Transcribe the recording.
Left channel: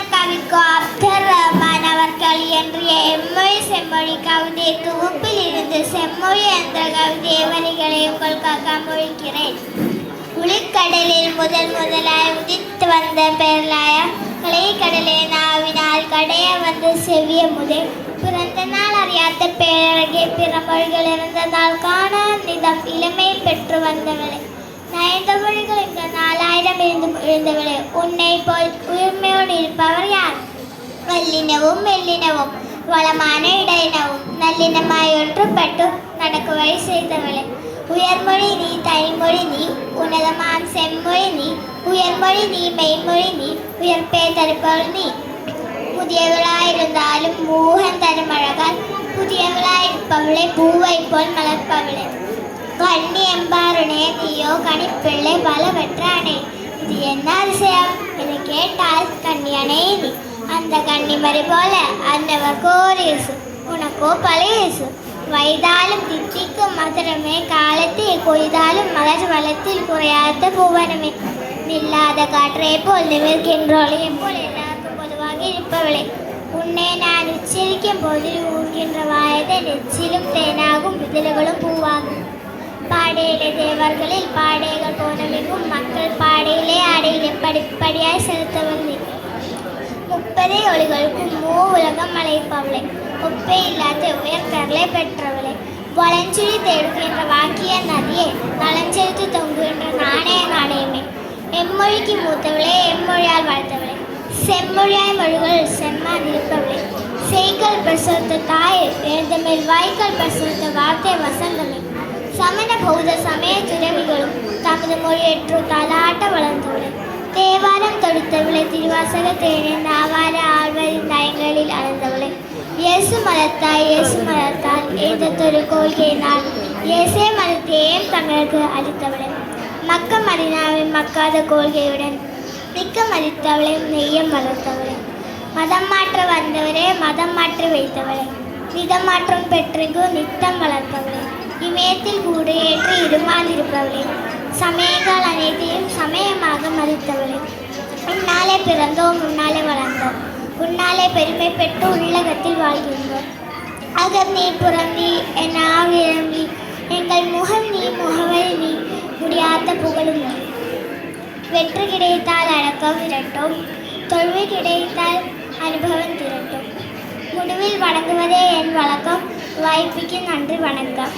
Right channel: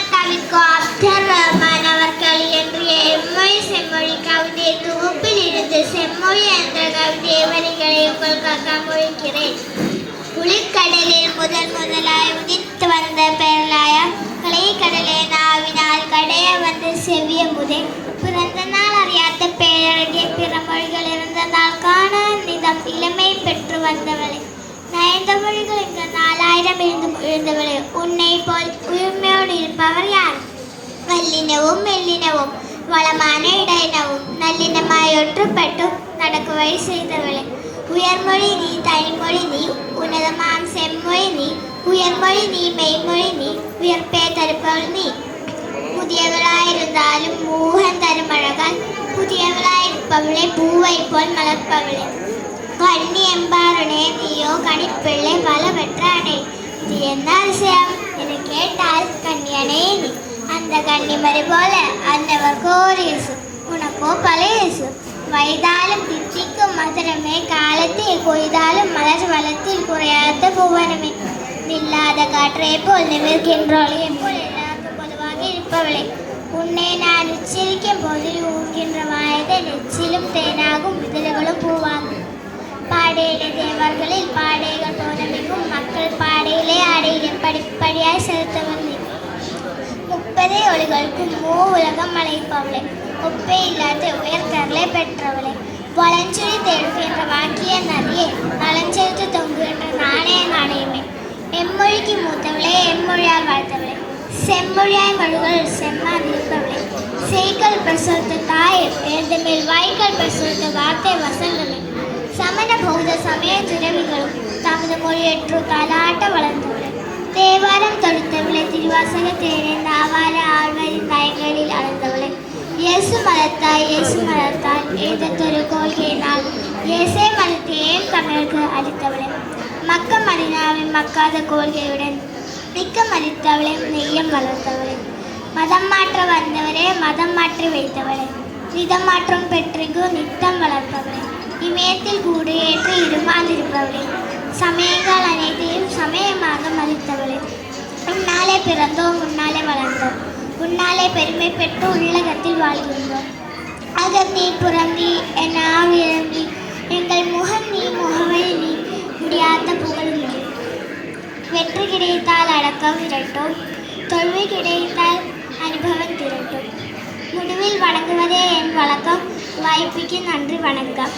புலவர் கவிக்கோ அப்துல் ரஹ்மான் அவர்கள் இயற்றிய எம்மொழி செம்மொழி கவிதை தொகுப்பில் இருந்து செம்மொழி என்ற கவிதை வரிகளை உங்களுக்காக மொழிக்கிறேன். உளிக்கடலில் முதலாய் உதித்து வந்த பேரலாய கலைக்கடலே நாவினால் கடைய வந்து செவ்விய முதே பிறந்த நாள் அறியாத பேரழகே பிற மொழிகள் இருந்ததால் காண நிதம் இளமை பெற்று வந்தவளே நயந்த மொழிகள் இங்கு 4000 இருந்தவளே உன்னை போல் உயிர்மையோடு இருப்பவர் யார்? வல்லினவும் மெல்லினவும் வளமான இடையினவும் நல்லினமாய் ஒற்றுப்பட்டு நடக்க வழி செய்தவளே உயர்மொழி நீ தைமொழி நீ உன்னதமாம் செம்மொழி நீ உயர்மொழி நீ மெய்மொழி நீ உயர்ப்பே தருப்பவள் நீ புதியவளாயிருந்தாலும் மூகன் தரும் அழகால் புதியவளாயிருப்பவளே பூவை போல் மலர்ப்பவளே கண்ணி எம்பாருனே நீயோ கணிப்பிள்ளை பல பெற்றானே இது என்ன அதிசயம் என கேட்டால் கண்ணியனே நீ அந்த கன்னிமரி போல அன்னவர்க்கோ ஒரு இயேசு உனக்கோ பல இயேசு வயதாலும் தித்திக்கும் மதுரமே காலத்தை கொய்தாலும் மலர் வளத்தில் குறையாத புவனமே நில்லாத காற்றை போல் நிமிர்கின்றோளே போல் எல்லாருக்கும் பொதுவாக இருப்பவளே உன்னை நான் உச்சரிக்கும் போதில் ஊர்கின்ற வாயதை நெச்சிலும் தேனாகும் இதழ்களும் பூவாகும் பாடையிலே தேவர்களில் பாடைகள் போனமிகும் மக்கள் பாடையிலே ஆடையிலே படிப்படியாய் செலுத்தவள் நீ முப்பதே ஒளிகளுக்கும் உலகம் அழைப்பவளே ஒப்பே இல்லாத உயர்கரலை பெற்றவளே வளஞ்சொலி தேடுகின்ற வாக்கிய நதியே நலஞ்செலுத்து தொங்குகின்ற நாணய நாணயமே எம்மொழிக்கு மூத்தவளே எம்மொழியால் வாழ்த்தவளே செம்மொழியாய் மொழிகள் செம்மாதிருப்பவளே செய்கள் பிரசுத்த தாய் எழுதமில் வாய்கள் பிரசுத்த வார்த்தை வசந்தமே சமண பௌத்த சமய துறவிகளும் தமது மொழியற்று காலாட்ட வளர்ந்தவளே தேவாரம் தொடுத்தவளை திருவாசக தேனே நாவார ஆழ்வரின் தயங்களில் அளந்தவளை இயேசு மலர்த்தாய் ஏதத்தொரு கொள்கை நாம் இயேசே மதத்தையும் தமிழருக்கு அளித்தவளை மக்க மதினாவில் மக்காத கொள்கையுடன் மிக்க மதித்தவளை நெய்யம் வளர்த்தவளை மதம் மாற்ற வந்தவரே மதம் மாற்றி வைத்தவளை விதம் மாற்றம் பெற்றிகு நித்தம் வளர்த்தவளை இமயத்தில் கூடு ஏற்று இருமாந்திருப்பவளை சமயங்கள் அனைத்தையும் சமயமாக மதித்தவளே உன்னாலே பிறந்தோம் உன்னாலே வளர்ந்தோம் உன்னாலே பெருமை பெற்று உள்ளகத்தில் வாழ்கின்றோம் அகத்தீ புறந்தி என் ஆவிரந்தி எங்கள் முகம் நீ முகவழி நீ முடியாத புகழும் நீ வெற்றி கிடைத்தால் அடக்கம் திரட்டும் தொல்வி கிடைத்தால் அனுபவம் திரட்டும் முடிவில் வணங்குவதே என் வழக்கம் வாய்ப்புக்கு நன்றி வணக்கம்.